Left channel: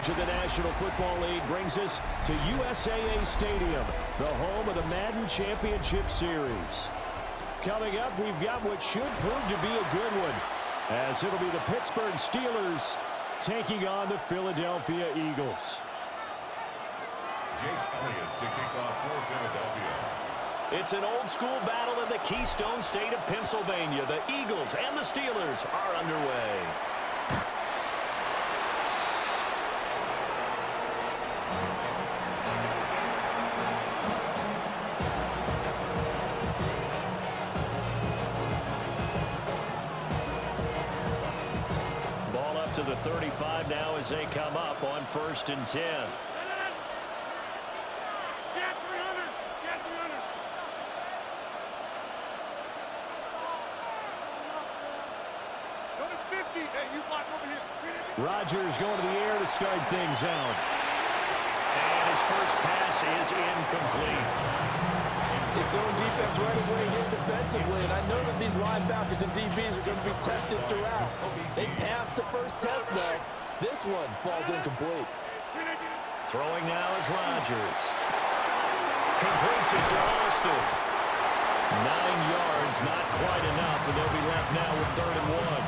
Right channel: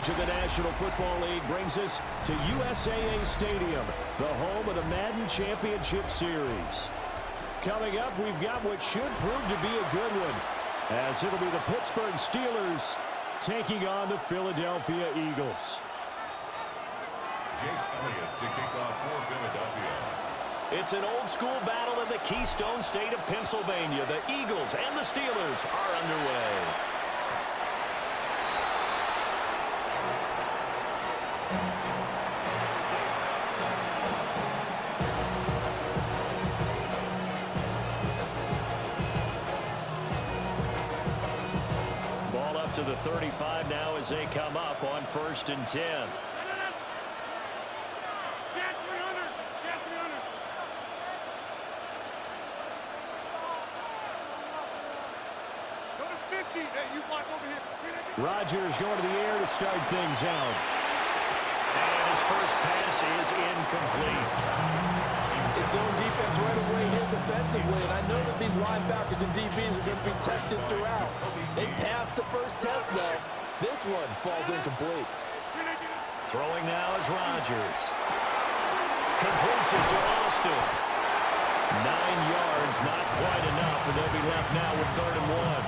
coverage of the National Football League brings us to USAA Stadium, the home of the Madden Championship Series. Coming up, we've got what should prove to be a good one, as it'll be the Pittsburgh Steelers taking on the Philadelphia Eagles. Jake Elliott to kick off for Philadelphia. It's an old-school battle in the Keystone State of Pennsylvania. The Eagles and the Steelers are underway. Ball up to the 35 now as they come up on 1st and 10. Rodgers going to the air to start things out. And his first pass is incomplete. It's zone defense right away here defensively, and I know that these linebackers and DBs are going to be tested throughout. They passed the first test, though. This one falls incomplete. Throwing now is Rodgers. Completes it to Austin. 9 yards, not quite enough, and they'll be left now with 3rd and 1.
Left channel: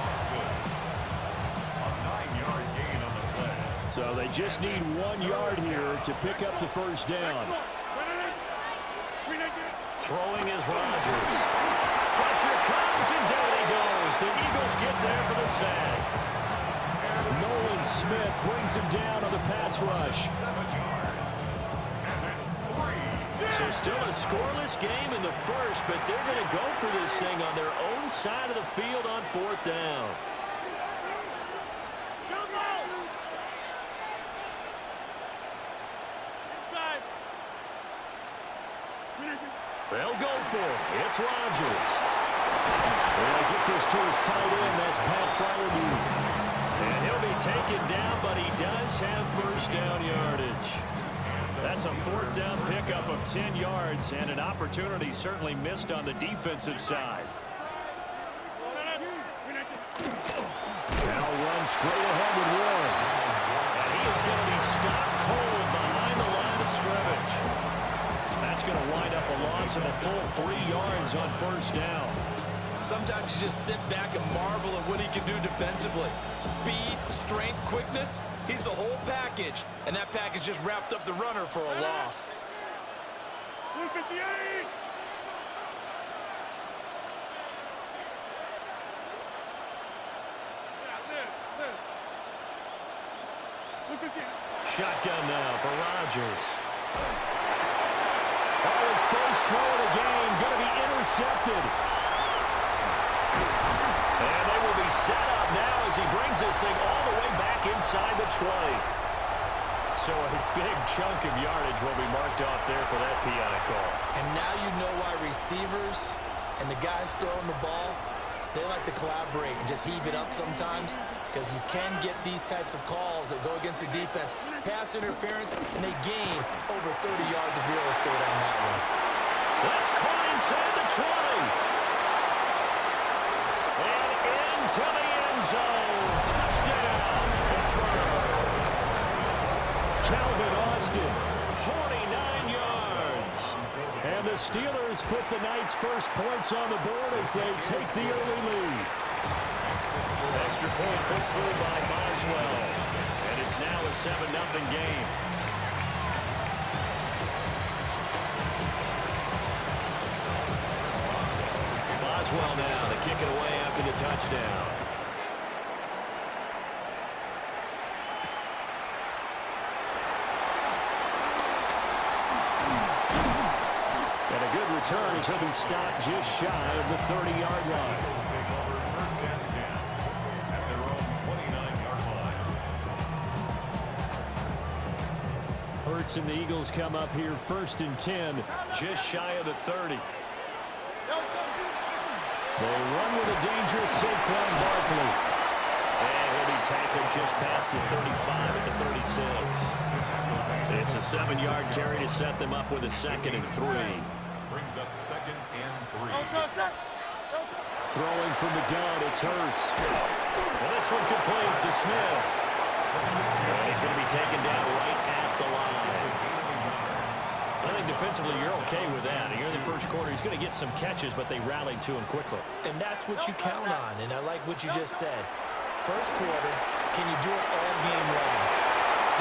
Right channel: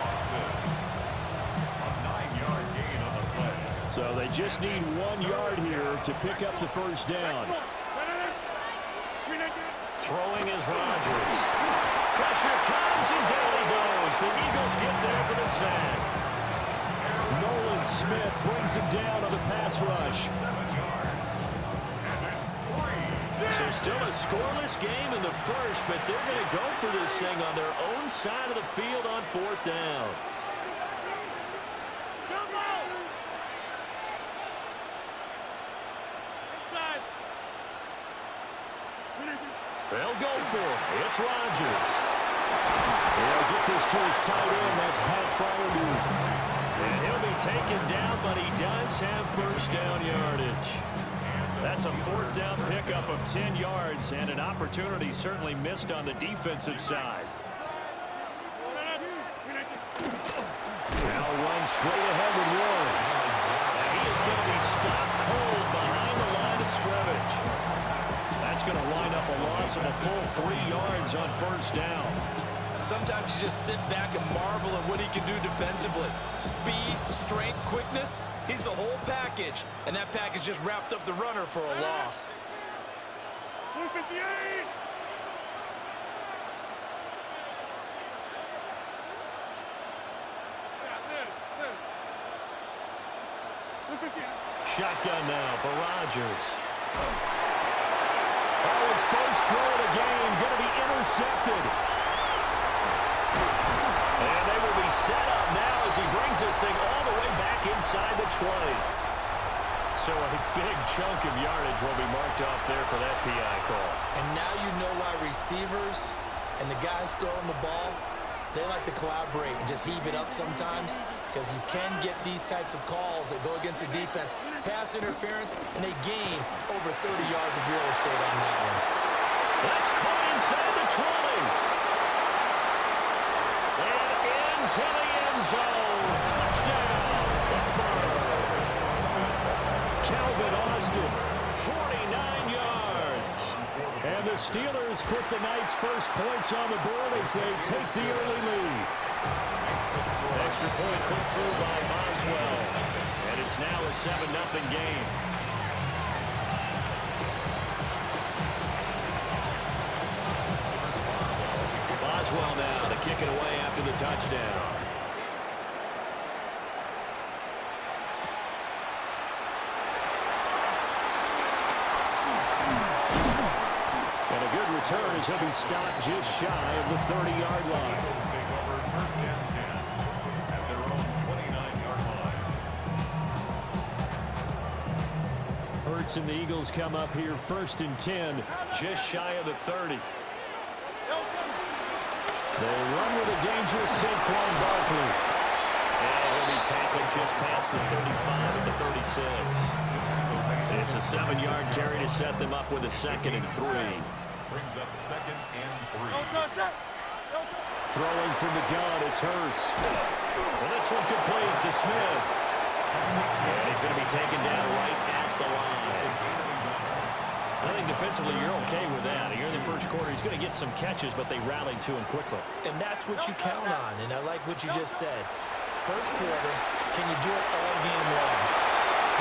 A 9-yard gain on the play. So they just need 1 yard here to pick up the first down. Throwing is Rodgers. Pressure comes, and down he goes. The Eagles get there for the sack. Nolan Smith brings him down on the pass rush. 7 yards. And it's 3. So still a scoreless game in the first, but they're going to go for this thing on their own side of the field on 4th down. They'll go for it. It's Rodgers. They'll get this to his tight end. That's Pat Freiermuth. And he'll be taken down, but he does have first down yardage. That's a 4th down pickup of 10 yards and an opportunity certainly missed on the defensive side. Now run straight ahead with Warren. And he is going to be stopped cold behind the line of scrimmage. That's going to wind up a loss of a full 3 yards on 1st down. Sometimes you just sit back and marvel at what he can do defensively. Speed, strength, quickness, he's the whole package. And that package just wrapped up the runner for a loss. Shotgun now for Rodgers. Oh, his first throw of the game going to be intercepted. And they will be set up now as he brings this thing all the way back inside the 20. So a big chunk of yardage will be marked off there for that PI call. And now you know why receivers and the guys throwing the ball, they like to collaborate and just heave it up sometimes, because you can get these types of calls that go against the defense. Pass interference, and they gain over 30 yards of real estate on that one. That's caught inside the 20. And into the end zone. Touchdown, Pittsburgh. Calvin Austin, 49 yards. And the Steelers put the Knights' first points on the board as they take the early lead. Extra point put through by Boswell. And it's now a 7-0 game. Boswell now to kick it away after the touchdown. And a good return as he'll be stopped just shy of the 30-yard line. Eagles take over 1st and 10 at their own 29-yard line. Hurts and the Eagles come up here 1st and 10, just shy of the 30. They run with a dangerous Saquon Barkley. And he'll be tackled just past the 35 at the 36. It's a 7-yard carry to set them up with a 2nd and 3. Brings up 2nd and 3. Throwing from the gun, it's Hurts. And this one complete to Smith. And he's going to be taken down right at the line. I think defensively you're okay with that. Here in the first quarter, he's going to get some catches, but they rallied to him quickly. And that's what you count on, and I like what you just said. First quarter, can you do it all game long?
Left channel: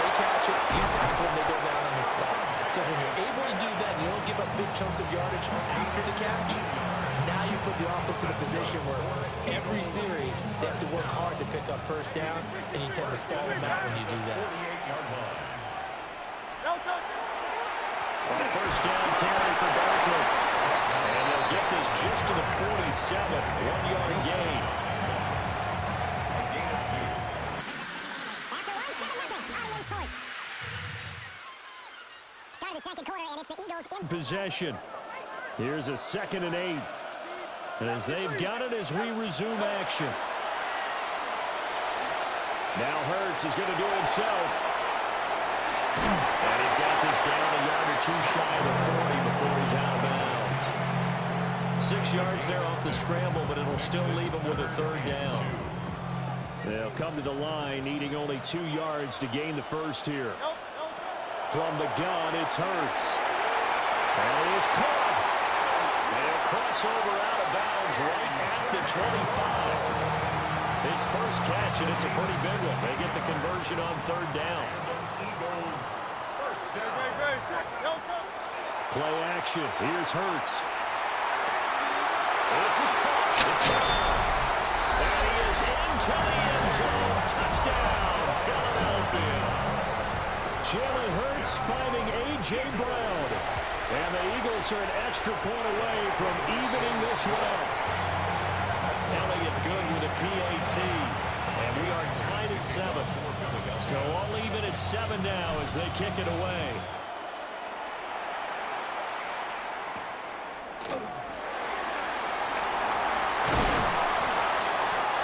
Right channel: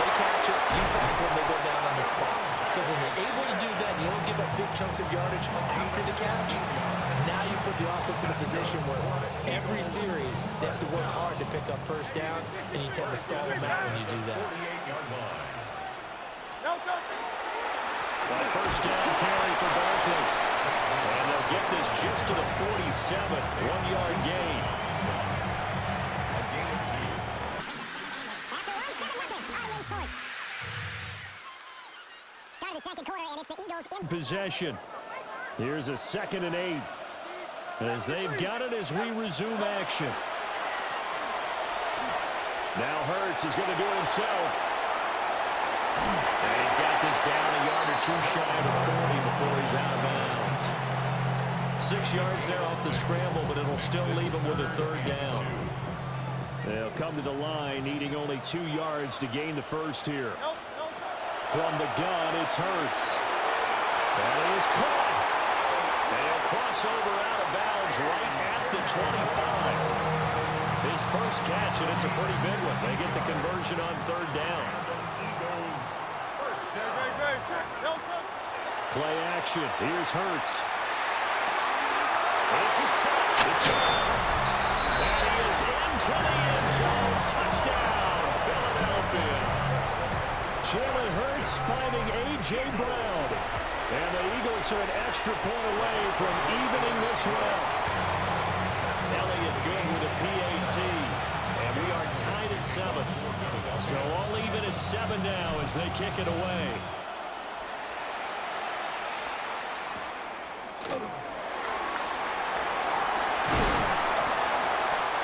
They catch it, you tackle them, they go down on the spot. Because when you're able to do that, and you don't give up big chunks of yardage after the catch, now you put the offense in a position where every series they have to work hard to pick up first downs, and you tend to stall them out when you do that. Well, first down carry for Barkley. And they'll get this just to the 47. 1-yard gain. A gain of 2. After 1-7-0, RDA Sports. Start of the second quarter, and it's the Eagles in possession. Here's a 2nd and 8. As they've got it as we resume action. Now Hurts is going to do it himself. And he's got this down a yard or two shy of the 40 before he's out of bounds. 6 yards there off the scramble, but it'll still leave him with a 3rd down. They'll come to the line, needing only 2 yards to gain the first here. From the gun, it's Hurts. And he is caught. And he'll cross over out of bounds right at the 25. His first catch, and it's a pretty big one. They get the conversion on 3rd down. Play action. Here's Hurts. This is caught. It's down. And he is into the end zone. Touchdown, Philadelphia. Jalen Hurts finding A.J. Brown. And the Eagles are an extra point away from evening this one up. Elliott good with a PAT. And we are tied at 7. So all even at 7 now as they kick it away.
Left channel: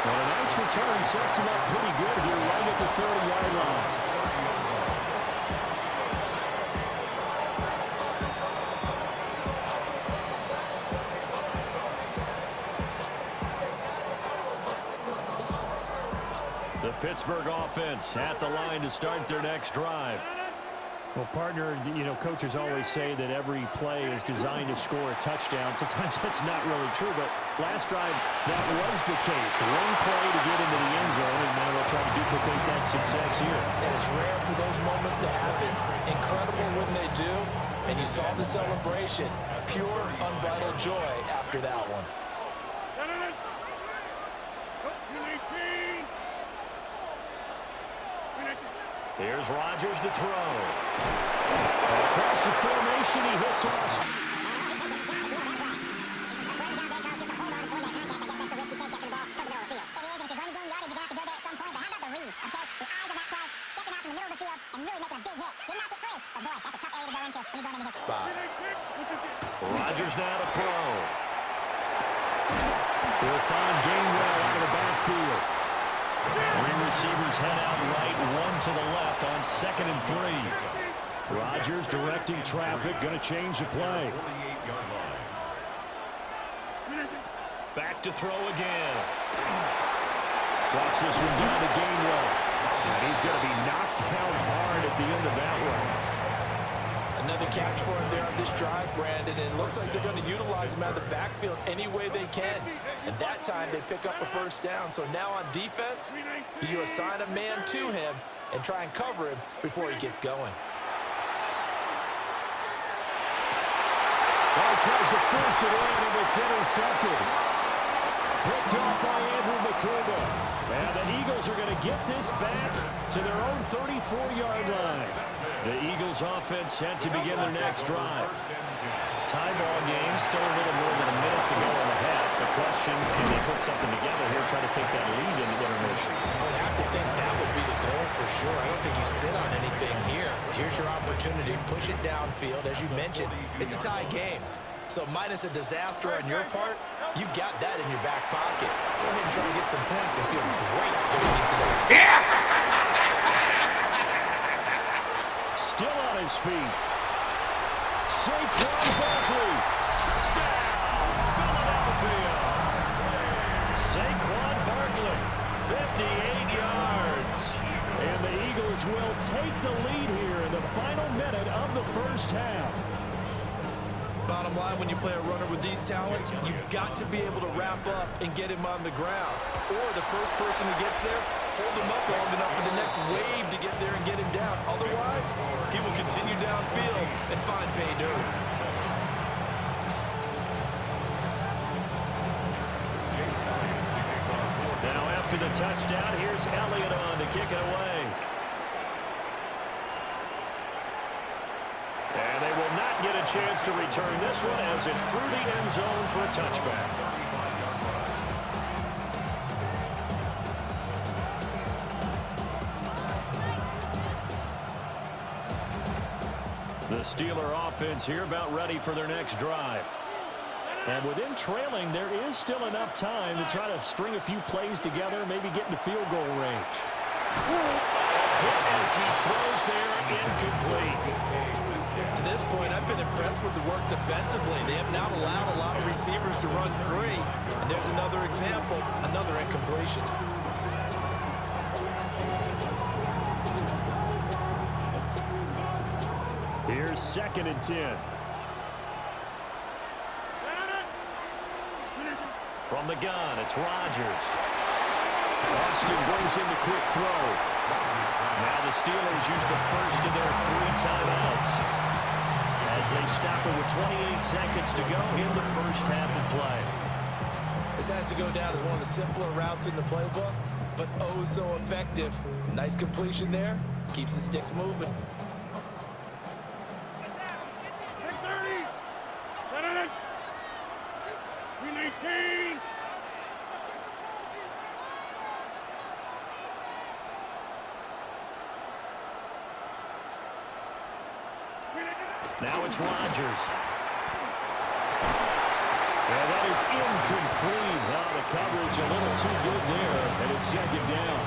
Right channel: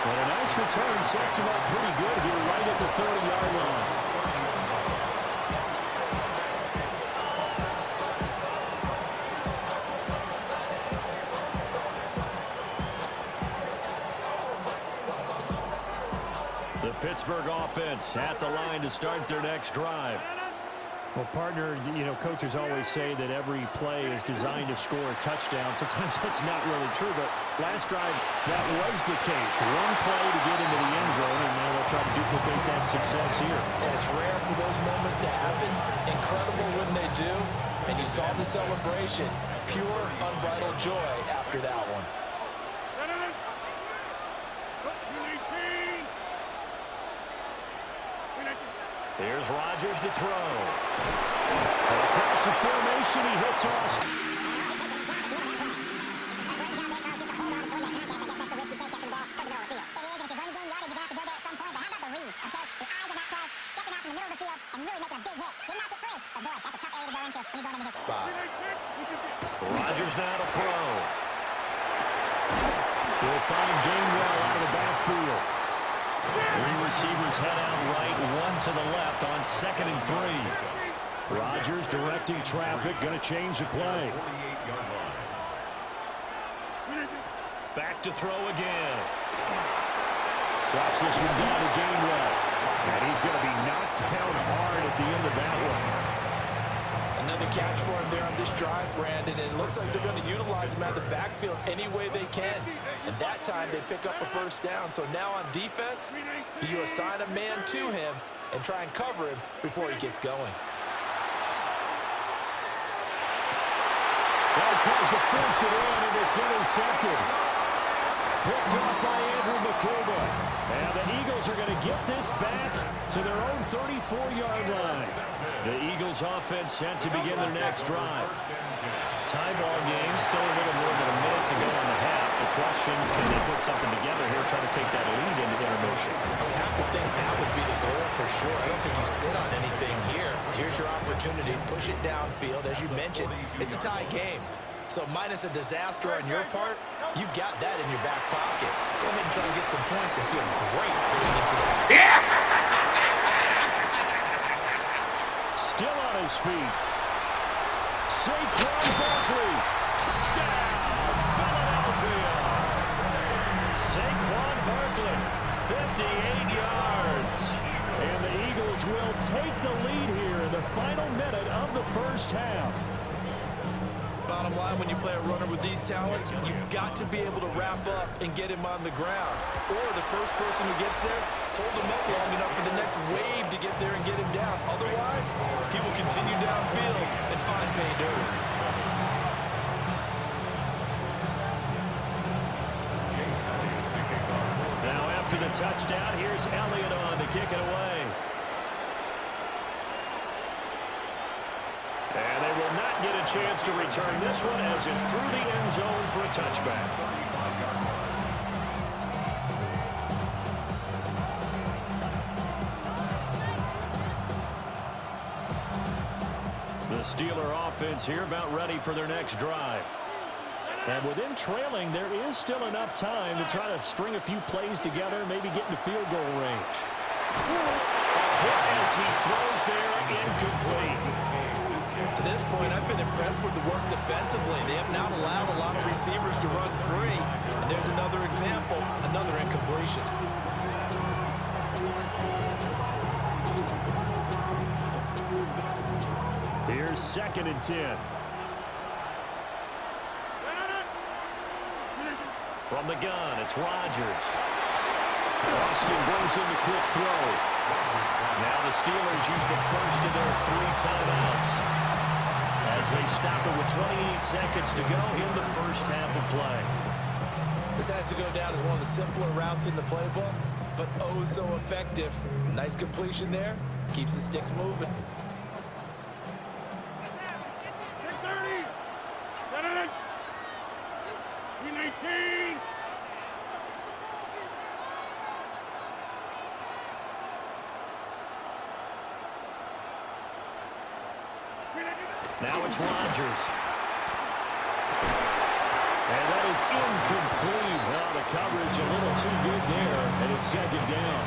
And a nice return sets him up pretty good here right at the 30-yard line. The Pittsburgh offense at the line to start their next drive. Well, partner, you know, coaches always say that every play is designed to score a touchdown. Sometimes that's not really true, but last drive, that was the case. One play to get into the end zone, and now they'll try to duplicate that success here. And it's rare for those moments to happen. Incredible when they do. And you saw the celebration. Pure, unbridled joy after that one. Here's Rodgers to throw. And across the formation, he hits Austin. he takes a shot at the end of that play. Great job there, Charles, just to hold on and throw that contact. I guess that's the risk you take catching the ball toward the middle of the field. It is, and if you're going to gain yardage, you're going to have to go there at some point. But how about the read, okay? The eyes of that play, stepping out from the middle of the field and really making a big hit. Did not get free. But, boy, that's a tough area to go into when you're going into this spot. Rodgers now to throw. He'll find Gainwell out of the backfield. 3 receivers head out right, 1 to the left on 2nd and 3. Rodgers directing traffic, going to change the play. Back to throw again. Drops this one down to Gainwell. And he's going to be knocked down hard at the end of that one. Another catch for him there on this drive, Brandon, and it looks like they're going to utilize him out of the backfield any way they can. And that time they pick up a first down. So now on defense, do you assign a man to him and try and cover him before he gets going? Well, he tries to force it in, and it's intercepted. Picked off by Andrew Makuba. And the Eagles are going to get this back to their own 34-yard line. The Eagles offense set to begin their next drive. Tie ball game, still a little more than a minute to go in the half. The question, can they put something together here, try to take that lead into intermission? I would have to think that would be the goal for sure. I don't think you sit on anything here. Here's your opportunity. Push it downfield. As you mentioned, it's a tie game. So minus a disaster on your part, you've got that in your back pocket. Go ahead and try and get some points and feel great going into the half. Yeah! Still on his feet. Saquon Barkley. Touchdown, Philadelphia. Saquon Barkley, 58 yards. And the Eagles will take the lead here in the final minute of the first half. Bottom line, when you play a runner with these talents, you've got to be able to wrap up and get him on the ground. Or the first person who gets there, hold him up long enough for the next wave to get there and get him down. Otherwise, he will continue downfield and find pay dirt. Now after the touchdown, here's Elliott on to kick it away. And they will not get a chance to return this one as it's through the end zone for a touchback. The Steeler offense here about ready for their next drive. And with them trailing, there is still enough time to try to string a few plays together, maybe get into field goal range. A hit as he throws there, incomplete. To this point, I've been impressed with the work defensively. They have not allowed a lot of receivers to run free. And there's another example, another incompletion. Here's 2nd and 10. From the gun, it's Rodgers. Austin brings in the quick throw. Now the Steelers use the first of their 3 timeouts as they stop it with 28 seconds to go in the first half of play. This has to go down as one of the simpler routes in the playbook, but oh so effective. Nice completion there. Keeps the sticks moving. Now it's Rodgers. And that is incomplete. Oh, the coverage a little too good there, and it's 2nd down.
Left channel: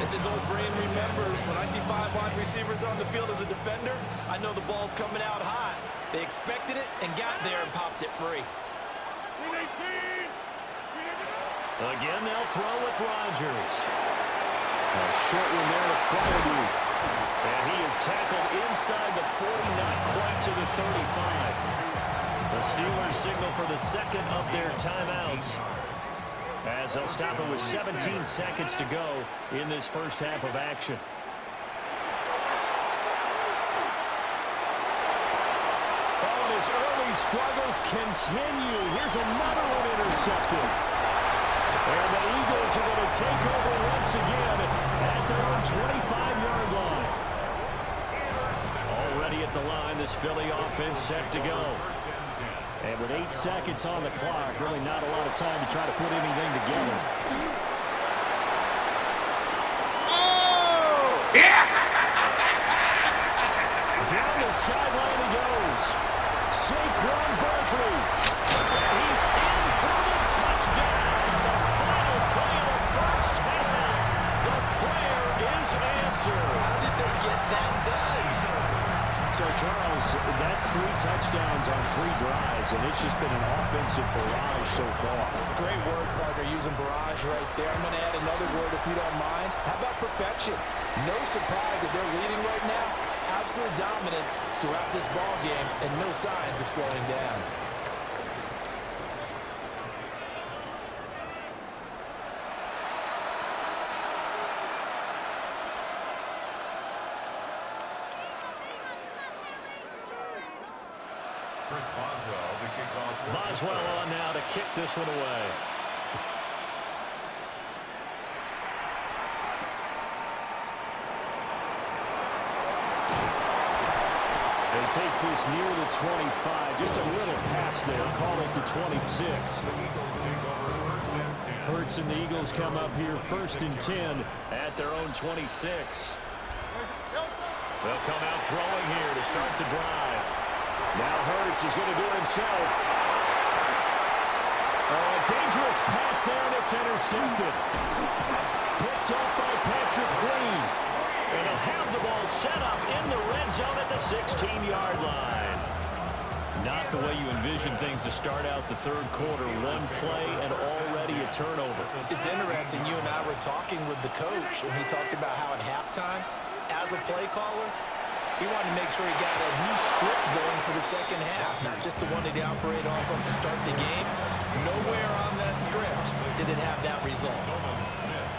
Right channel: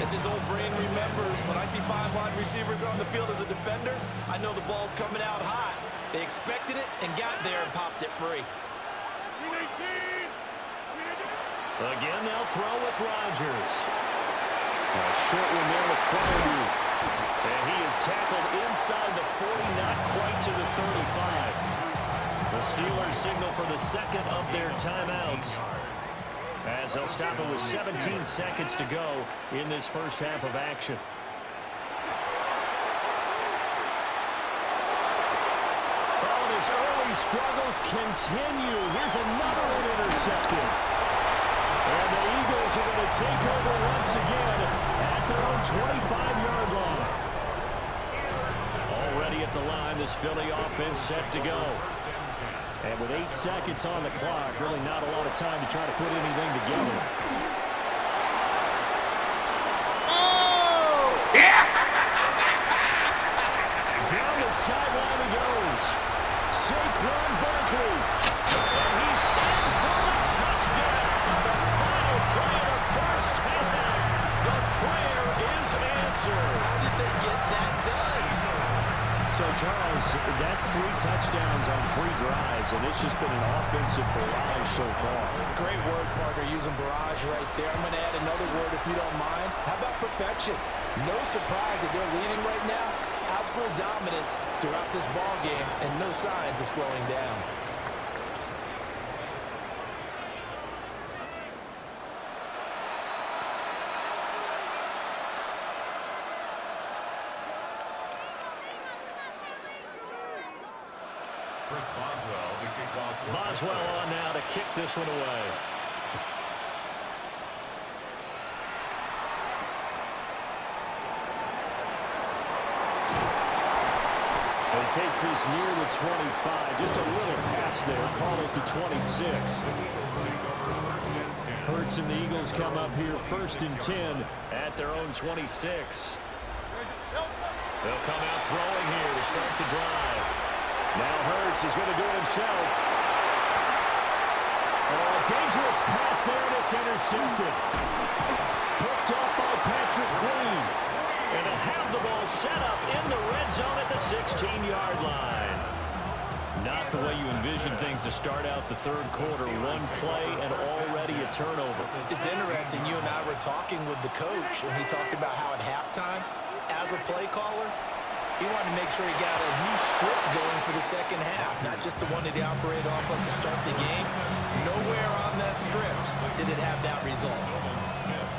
As his old brain remembers, when I see 5 wide receivers on the field as a defender, I know the ball's coming out hot. They expected it and got there and popped it free. Again, they'll throw with Rodgers. A short one there to Freiermuth. And he is tackled inside the 40, not quite to the 35. The Steelers signal for the 2nd of their timeouts as they'll stop it with 17 seconds to go in this first half of action. Oh, and his early struggles continue. Here's another one intercepted. And the Eagles are going to take over once again at their own 25-yard line. Already at the line, this Philly offense set to go. And with 8 seconds on the clock, really not a lot of time to try to put anything together. Oh! Yeah! Down the sideline he goes. Saquon Barkley. And he's in for the touchdown. The final play of the first half. The prayer is answered. How did they get that done? So, Charles, that's 3 touchdowns on 3 drives, and it's just been an offensive barrage so far. Great word, partner, using barrage right there. I'm going to add another word if you don't mind. How about perfection? No surprise that they're leading right now. Absolute dominance throughout this ball game and no signs of slowing down. Boswell on now to kick this one away. And he takes this near the 25. Just a little pass there. Call it the 26. Hurts and the Eagles come up here 1st and 10 at their own 26. They'll come out throwing here to start the drive. Now Hurts is going to do it himself. Oh, a dangerous pass there, and it's intercepted. Picked off by Patrick Green. And he'll have the ball set up in the red zone at the 16-yard line. Not the way you envision things to start out the third quarter. One play and already a turnover. It's interesting. You and I were talking with the coach, and he talked about how at halftime, as a play caller, he wanted to make sure he got a new script going for the second half, not just the one that he operated off of to start the game. Nowhere on that script did it have that result.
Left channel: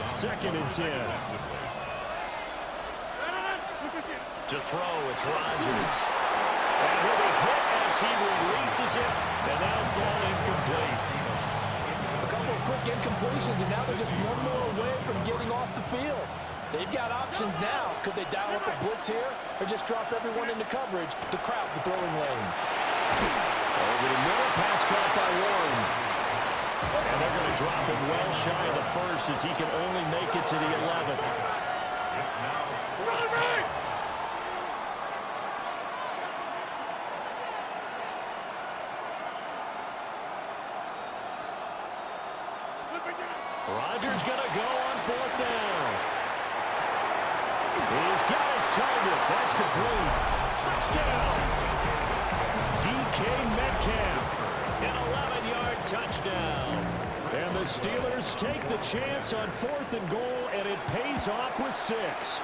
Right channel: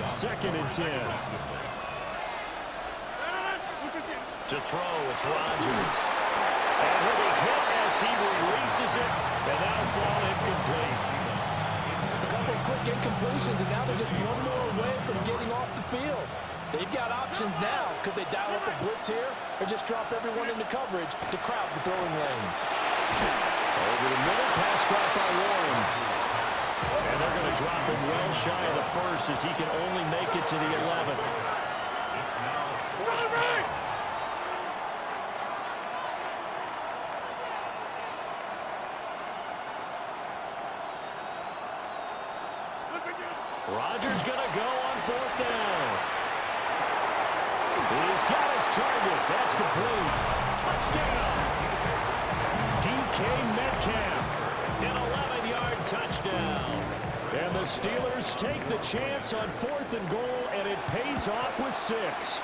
2nd and 10. To throw, it's Rodgers. And he'll be hit as he releases it, and now fall incomplete. A couple of quick incompletions, and now they're just one more away from getting off the field. They've got options now. Could they dial up a blitz here or just drop everyone into coverage to crowd the throwing lanes? Over the middle, pass caught by Warren. And they're going to drop him well shy of the first as he can only make it to the 11. It's now 4th down. Rodgers going to go on 4th down. He's got his target. That's complete. Touchdown. DK Metcalf. An 11-yard touchdown. And the Steelers take the chance on 4th and goal, and it pays off with 6.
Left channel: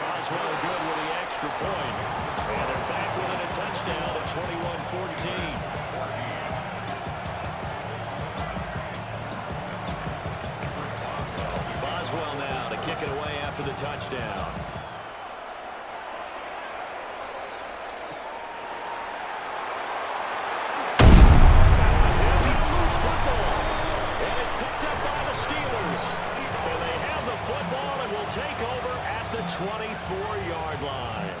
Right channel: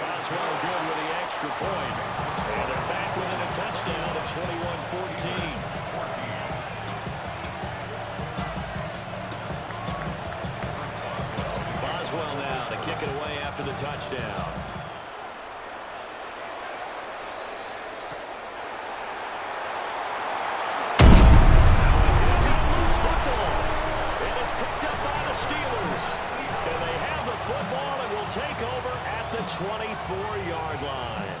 Boswell good with the extra point. And they're back within a touchdown at 21-14. Boswell now to kick it away after the touchdown. Now a hit and a loose football. And it's picked up by the Steelers. And they have the football and will take over at the 24-yard line.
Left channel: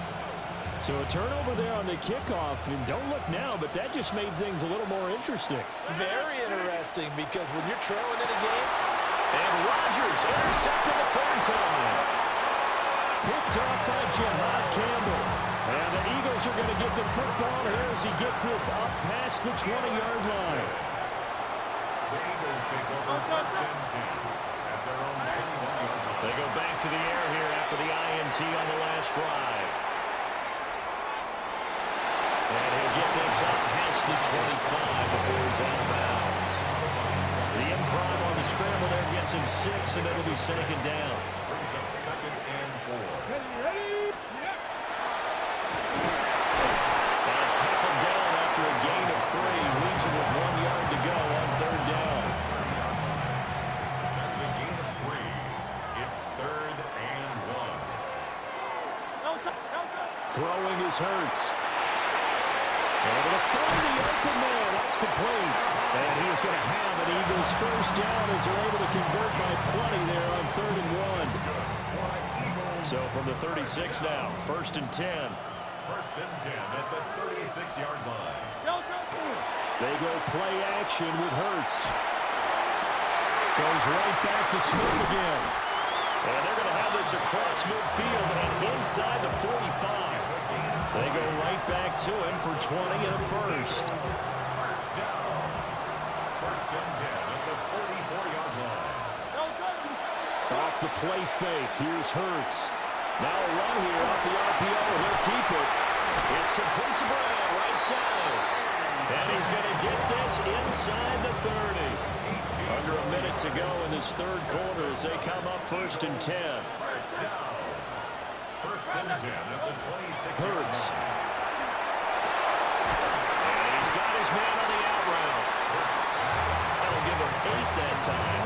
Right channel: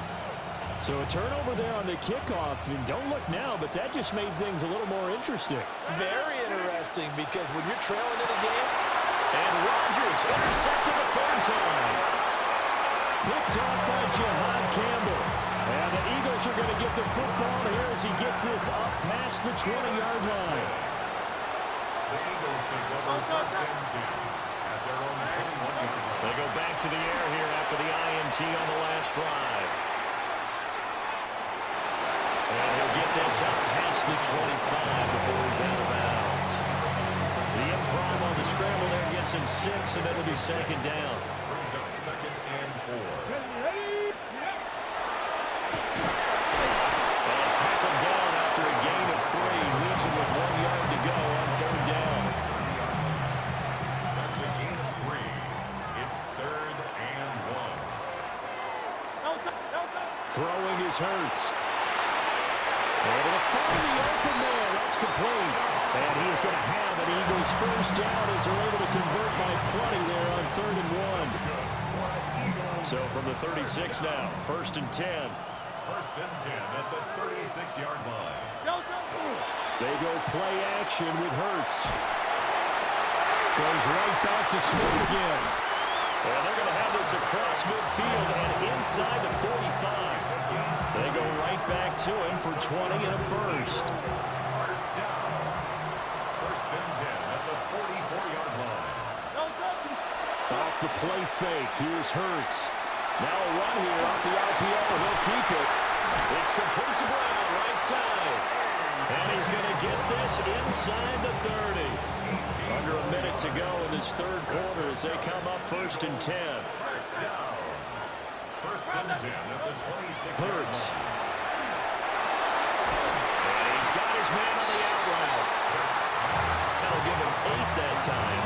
So a turnover there on the kickoff. And don't look now, but that just made things a little more interesting. Very interesting, because when you're trailing in a game, and Rodgers intercepted a 3rd time. Picked off by Jihad Campbell. And the Eagles are going to get the football here as he gets this up past the 20-yard line. The Eagles take over 1st and 10 at their own 21-yard line. They go back to the air here after the INT on the last drive. And he'll get this up past the 25 before he's out of bounds. The improv on the scramble there gets him 6, and it'll be 2nd down. Brings up 2nd and 4. And tackled down after a gain of 3. Leaves him with 1 yard to go on 3rd down. That's a gain of 3. It's 3rd and 1. Throwing is Hurts. Able to find the open man. That's complete. And he is going to have an Eagles 1st down as they're able to convert by plenty there on 3rd and 1. So from the 36 now, 1st and 10. 1st and 10 at the 36-yard line. They go play action with Hurts. Goes right back to Smith again. And they're going to have this across midfield and inside the 45. They go right back to him for 20 and a 1st. 1st down. 1st and 10 at the 44-yard line. Off the play fake. Here's Hurts. Now a run here off the RPO, and he'll keep it. It's complete to Brown, right side. And he's going to get this inside the 30. Under a minute to go in this 3rd quarter as they come up 1st and 10. 1st down. 1st and 10 at the 26-yard Hurts. line. And he's got his man on the out route. That'll give him 8 that time.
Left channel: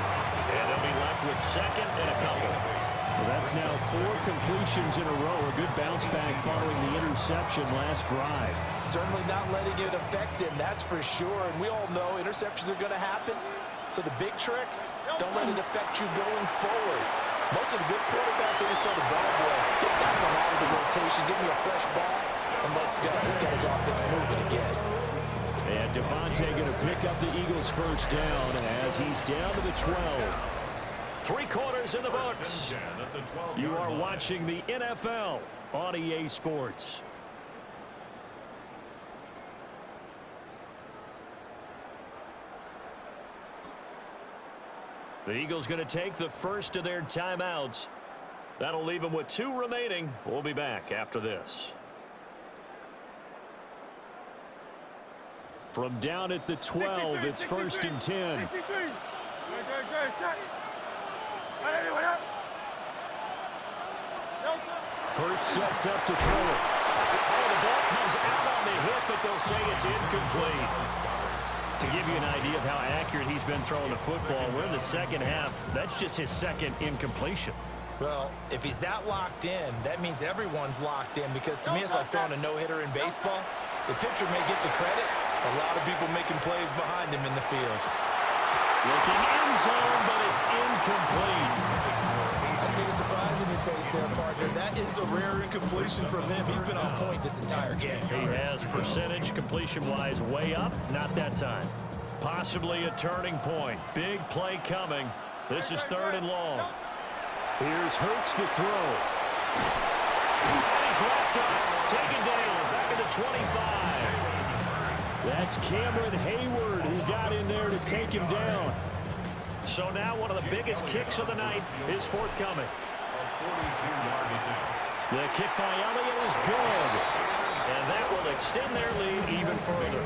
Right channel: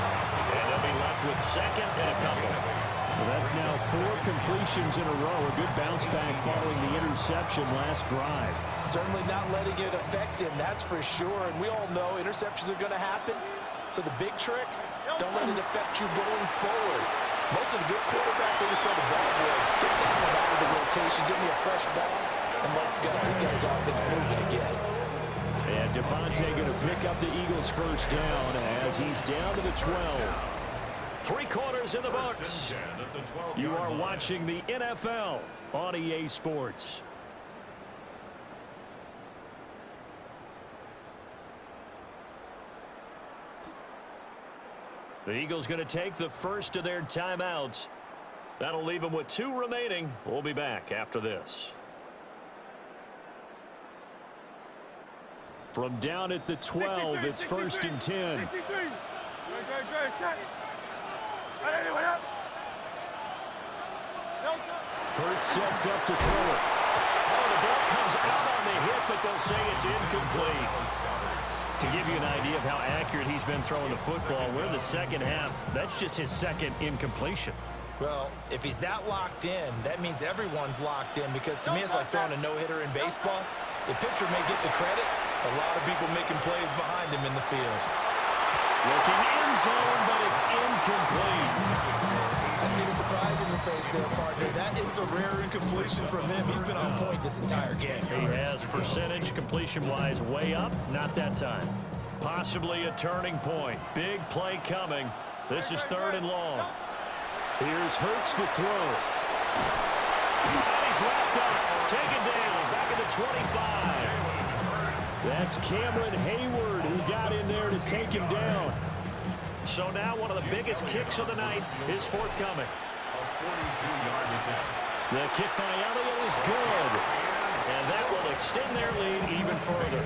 And they'll be left with 2nd and a couple. Well, that's now 4 completions in a row. A good bounce back following the interception last drive. certainly not letting it affect him, that's for sure. And we all know interceptions are going to happen. So the big trick, don't let it affect you going forward. Most of the good quarterbacks, they just tell the ball boy, get that one out of the rotation, give me a fresh ball, and let's go. He's got his offense moving again. And Devontae going to pick up the Eagles' first down as he's down to the 12. 3 quarters in the books. You are watching the NFL on EA Sports. The Eagles going to take the first of their timeouts. That'll leave them with 2 remaining. We'll be back after this. From down at the 12, it's 1st and 10. Hurts sets up to throw it. Oh, the ball comes out on the hit, but they'll say it's incomplete. To give you an idea of how accurate he's been throwing the football, we're in the second half. That's just his second incompletion. Well, if he's that locked in, that means everyone's locked in, because to me it's like throwing a no-hitter in baseball. The pitcher may get the credit, a lot of people making plays behind him in the field. Looking end zone, but it's incomplete. I see the surprise in your face there, partner. That is a rare incompletion from him. He's been on point this entire game. He has percentage completion-wise way up, not that time. Possibly a turning point. Big play coming. This is 3rd and long. Here's Hurts to throw. And he's wrapped up. Taken down. Back at the 25. That's Cameron Hayward who got in there to take him down. So now one of the biggest kicks of the night is forthcoming. A 42-yard attempt. The kick by Elliott is good. And that will extend their lead even further.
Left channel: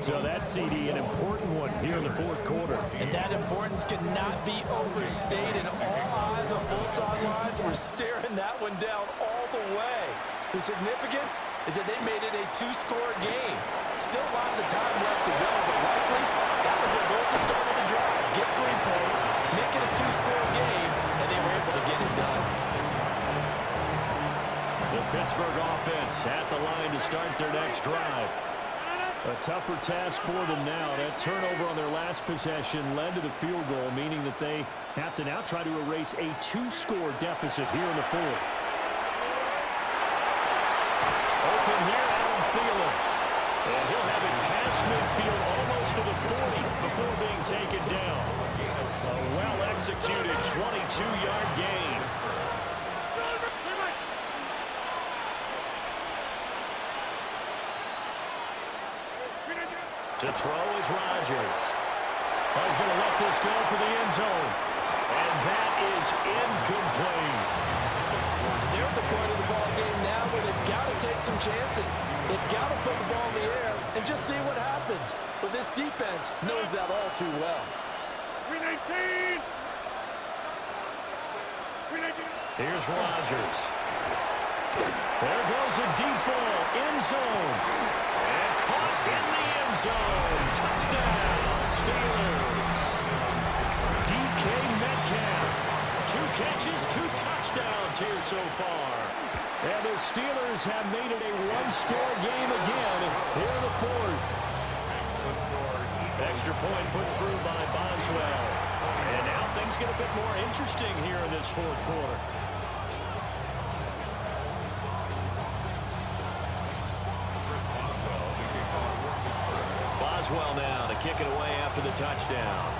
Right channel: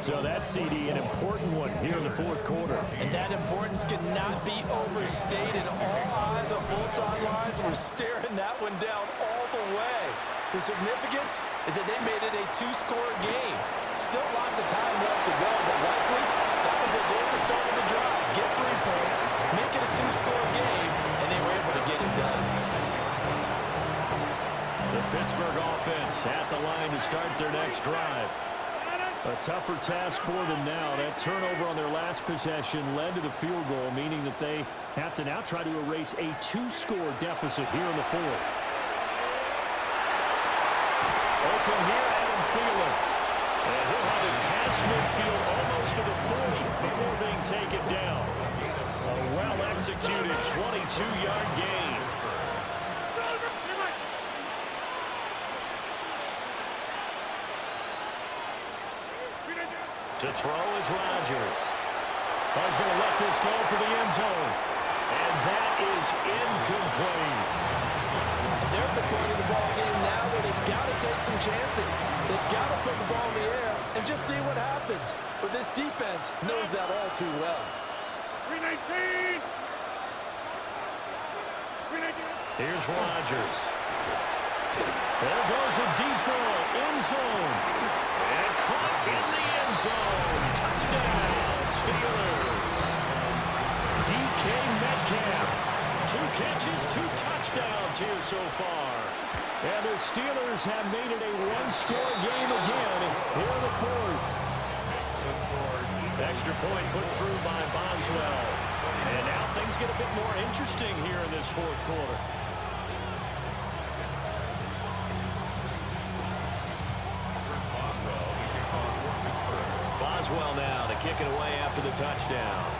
So that's, CD, an important one here in the 4th quarter. And that importance cannot be overstated. All eyes on both sidelines were staring that one down all the way. The significance is that they made it a 2-score game. Still lots of time left to go, but likely that was their goal at the start of the drive. Get 3 points, make it a 2-score game, and they were able to get it done. The Pittsburgh offense at the line to start their next drive. A tougher task for them now. That turnover on their last possession led to the field goal, meaning that they have to now try to erase a 2-score deficit here in the 4th. Open here, Adam Thielen. And he'll have it past midfield almost to the 40 before being taken down. A well-executed 22-yard gain. To throw is Rodgers. Oh, he's going to let this go for the end zone. And that is incomplete. And they're at the point of the ball game now where they've got to take some chances. They've got to put the ball in the air and just see what happens. But this defense knows that all too well. 319! Here's Rodgers. There goes a deep ball, end zone. And caught in the end zone. Touchdown, Steelers. DK Metcalf. 2 catches, 2 touchdowns here so far. And the Steelers have made it a 1-score game again here in the 4th. Extra point put through by Boswell. And now things get a bit more interesting here in this 4th quarter. Boswell now to kick it away after the touchdown.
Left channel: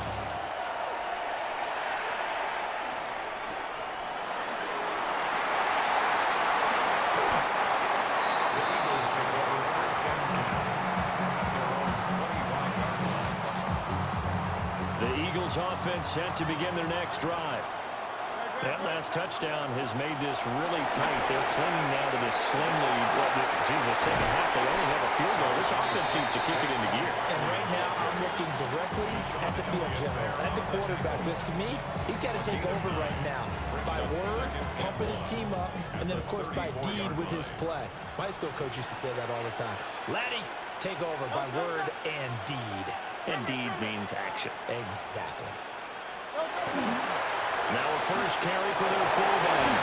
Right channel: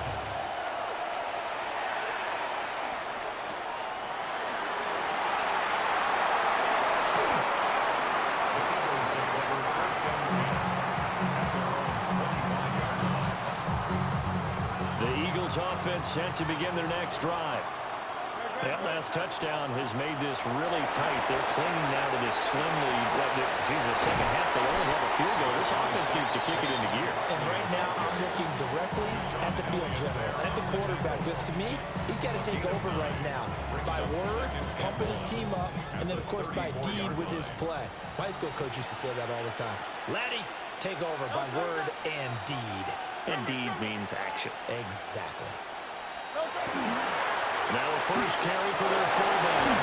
The Eagles take over 1st and 10 at their own 25-yard line. The Eagles offense set to begin their next drive. That last touchdown has made this really tight. They're clinging now to this slim lead. The second half, they only have a field goal. This offense needs to kick it into gear. And right now, I'm looking directly at the field general, at the quarterback. Because to me, he's got to take over right now. By word, pumping his team up, and then, of course, by deed with his play. My high school coach used to say that all the time. Laddie, take over by word and deed. And deed means action. Exactly. Now a first carry for their fullback.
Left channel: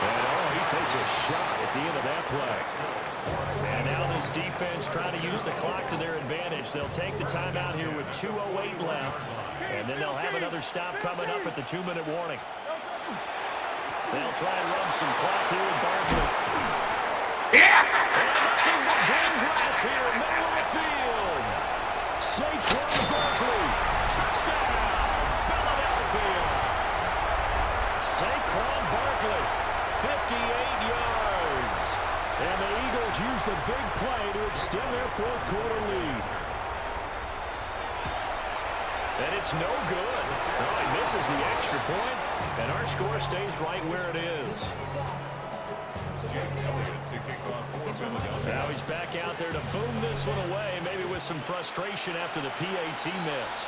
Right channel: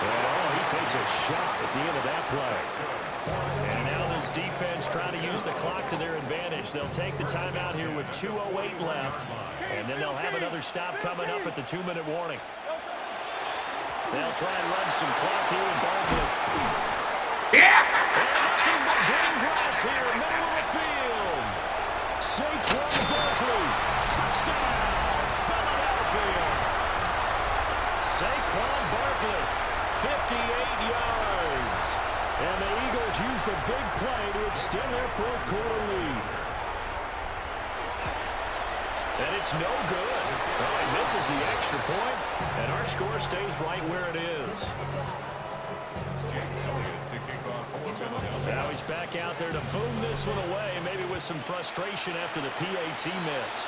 And, he takes a shot at the end of that play. And now this defense trying to use the clock to their advantage. They'll take the timeout here with 2:08 left. And then they'll have another stop coming up at the 2-minute warning. They'll try and run some clock here with Barkley. And nothing but green grass here, middle of the field. Saquon Barkley, touchdown, Philadelphia. Saquon Barkley, 58 yards. And the Eagles use the big play to extend their 4th quarter lead. And it's no good. Oh, he misses the extra point, and our score stays right where it is. Jake Elliott to kick off for Philadelphia. Now he's back out there to boom this one away, maybe with some frustration after the PAT miss.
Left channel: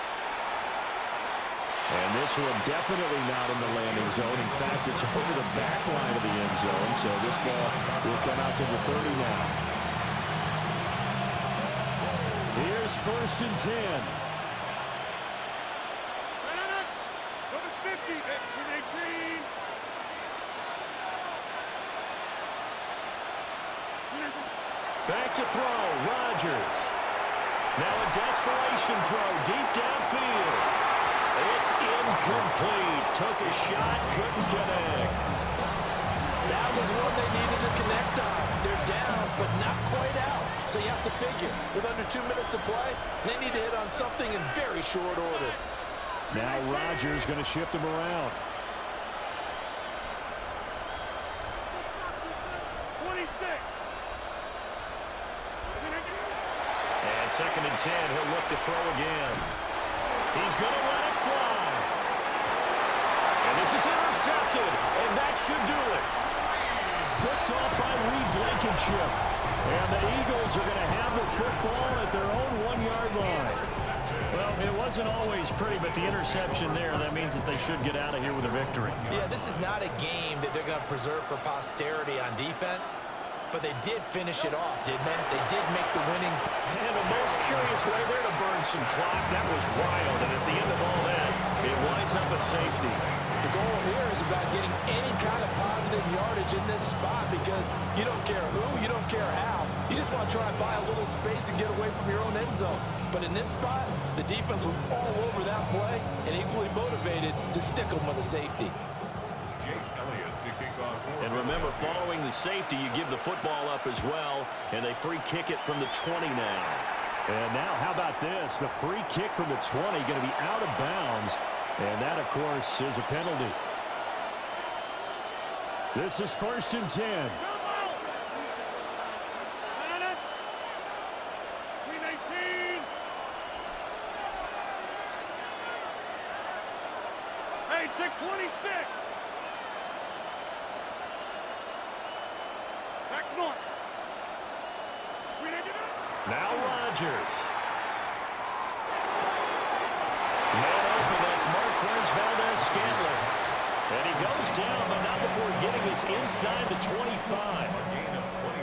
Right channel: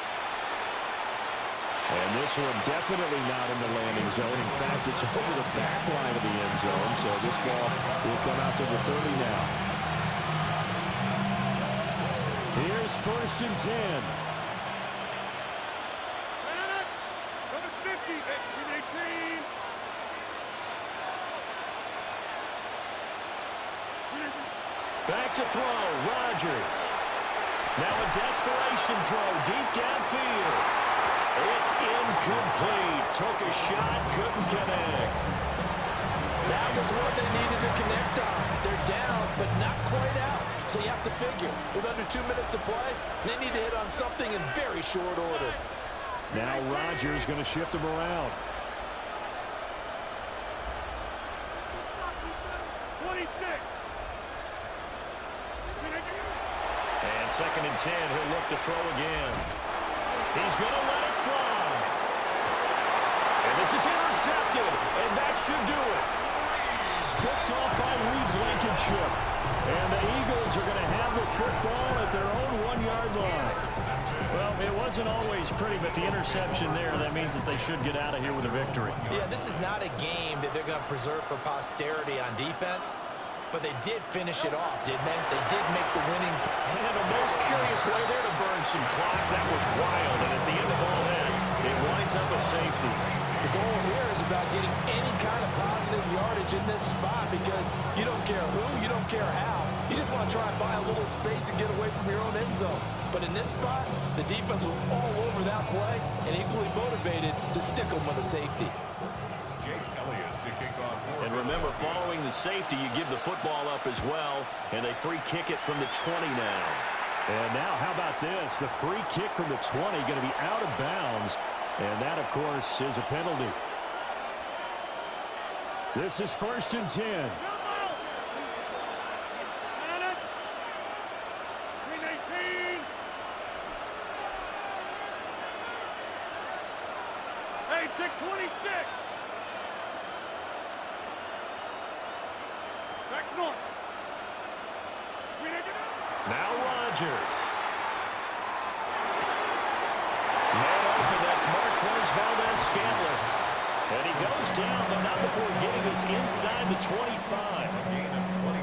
And this one definitely not in the landing zone. In fact, it's over the back line of the end zone, so this ball will come out to the 30 now. Here's 1st and 10. Back to throw, Rodgers. Now a desperation throw deep downfield. It's incomplete. Took a shot, couldn't connect. That was one they needed to connect on. They're down, but not quite out. So you have to figure, with under 2 minutes to play, they need to hit on something in very short order. Now Rodgers going to shift him around. 26. And 2nd and 10, he'll look to throw again. He's going to let it fly. And this is intercepted, and that should do it. Picked off by Reed Blankenship. And the Eagles are going to have the football at their own 1-yard line. Well, it wasn't always pretty, but the interception there, that means that they should get out of here with a victory. Yeah, this is not a game that they're going to preserve for posterity on defense. But they did finish it off, didn't they? They did make the winning. And a most curious way there to burn some clock. That was wild. And at the end of all that, it winds up a safety. The goal here is about getting any kind of positive yardage in this spot because you don't care who, you don't care how. You just want to try and buy a little space and get away from your own end zone. But in this spot, the defense was all over that play and equally motivated to stick them with a safety. Jake Elliott to kick off for And remember, following the safety, you give the football up as well, and they free kick it from the 20 now. And now, how about this? The free kick from the 20 going to be out of bounds, and that, of course, is a penalty. This is 1st and 10. Hey, take 26. Back north. Now Rodgers. Man open, that's Marquez Valdez-Scantling. And he goes down, but not before getting us inside the 25.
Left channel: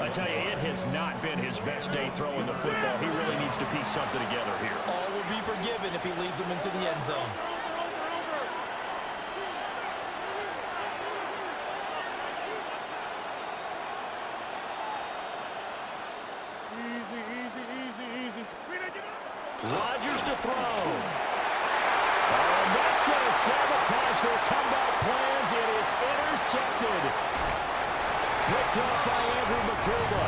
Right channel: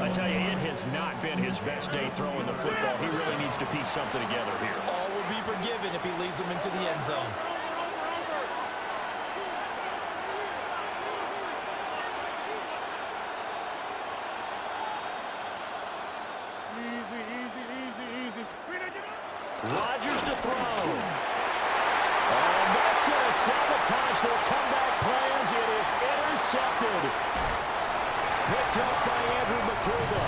I tell you, it has not been his best day throwing the football. He really needs to piece something together here. All will be forgiven if he leads them into the end zone. Rodgers to throw. Oh, that's going to sabotage their comeback plans. It is intercepted. Picked up by Andrew McCulba.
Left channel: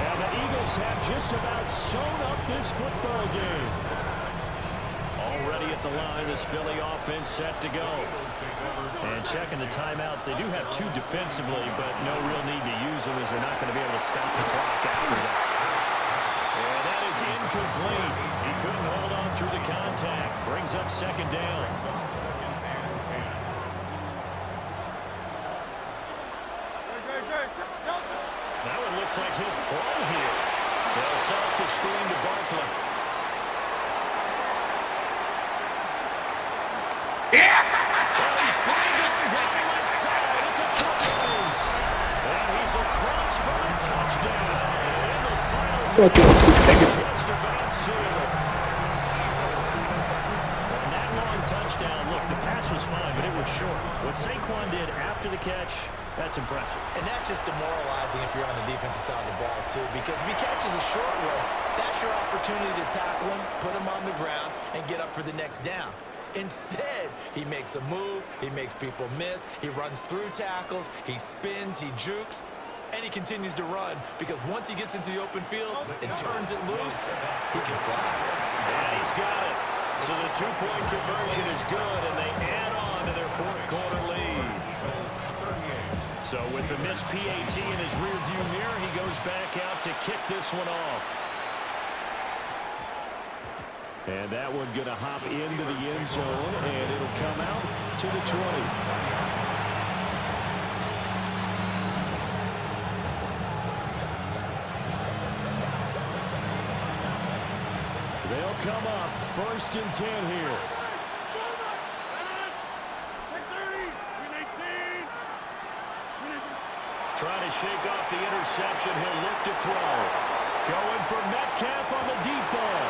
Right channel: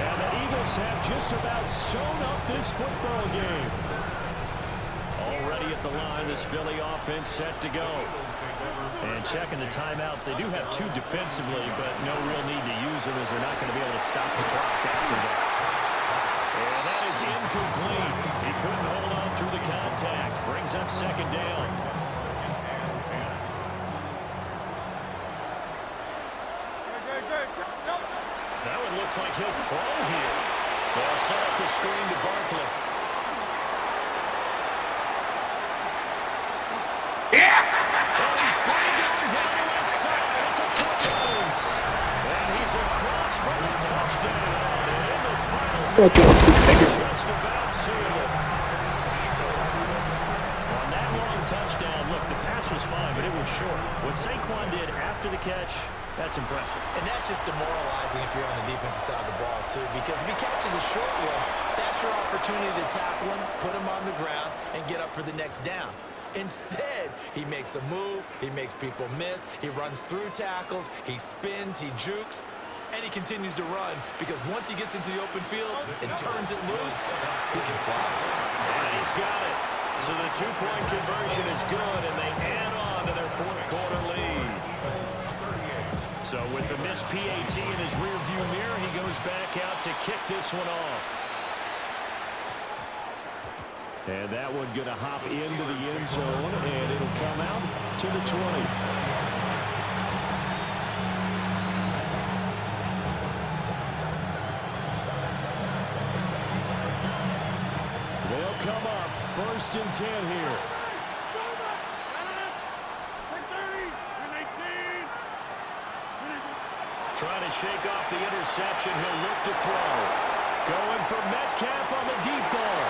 And the Eagles have just about sewn up this football game. Already at the line, this Philly offense set to go. And checking the timeouts, they do have 2 defensively, but no real need to use them as they're not going to be able to stop the clock after that. And that is incomplete. He couldn't hold on through the contact. Brings up 2nd down. Now it looks like he'll throw here. They'll set up the screen to Barkley. Well, he's free going down the left side. It's a foot race. And he's across for a touchdown. And in the final just about sealed it. On that long touchdown, look, the pass was fine, but it was short. What Saquon did after the catch, that's impressive. And that's just demoralizing if you're on the defensive side of the ball, too, because if he catches a short one, that's your opportunity to tackle him, put him on the ground, and get up for the next down. Instead, he makes a move, he makes people miss, he runs through tackles, he spins, he jukes, and he continues to run because once he gets into the open field and turns it loose, he can fly. And he's got it. So the 2-point conversion is good, and they add on to their 4th quarter lead. So with the missed PAT in his rearview mirror, he goes back out to kick this one off. And that one going to hop into the end zone, and it'll come out to the 20. come up. 1st and 10 here. Trying to shake off the interception. He'll look to throw. Going for Metcalf on the deep ball.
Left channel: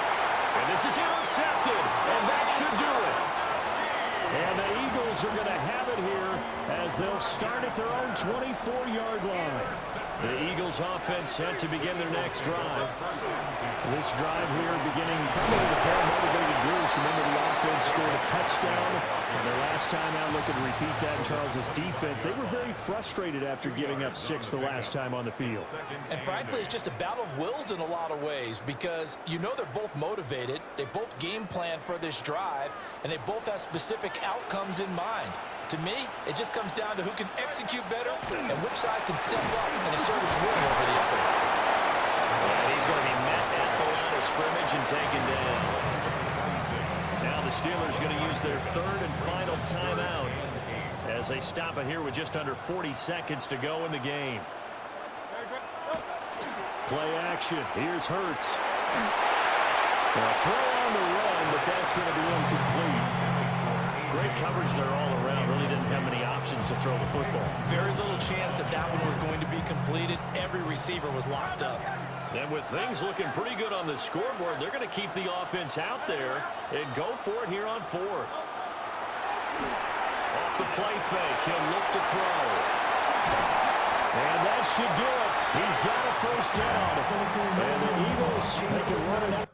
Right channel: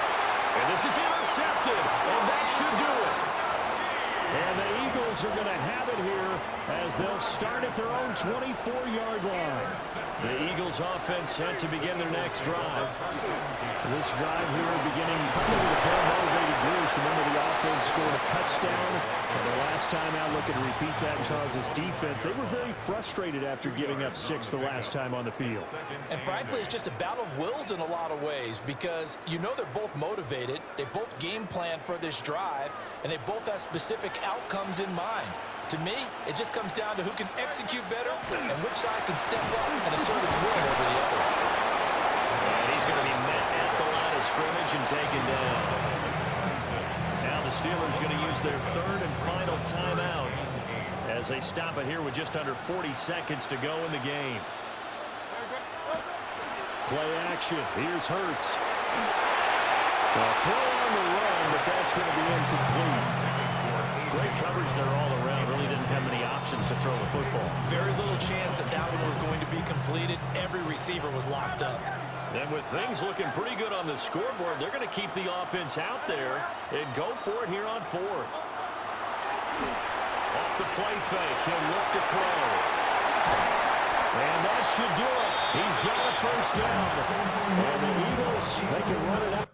And this is intercepted, and that should do it. And the Eagles are going to have it here as they'll start at their own 24-yard line. The Eagles offense set to begin their next drive. This drive here beginning probably with a pair of motivated groups. Remember, the offense scored a touchdown. And their last time out, looking to repeat that in Charles' defense. They were very frustrated after giving up 6 the last time on the field. And frankly, it's just a battle of wills in a lot of ways because you know they're both motivated. They both game plan for this drive, and they both have specific outcomes in mind. To me, it just comes down to who can execute better and which side can step up and assert its will over the other. And he's going to be met at the line of scrimmage and taken down. Now the Steelers going to use their 3rd and final timeout as they stop it here with just under 40 seconds to go in the game. Play action. Here's Hurts. A throw on the run, but that's going to be incomplete. Great coverage there all around. Really didn't have many options to throw the football. Very little chance that that one was going to be completed. Every receiver was locked up. And with things looking pretty good on the scoreboard, they're going to keep the offense out there and go for it here on 4th. Off the play fake, he'll look to throw. And that should do it. He's got a 1st down. And the Eagles, they can run it out.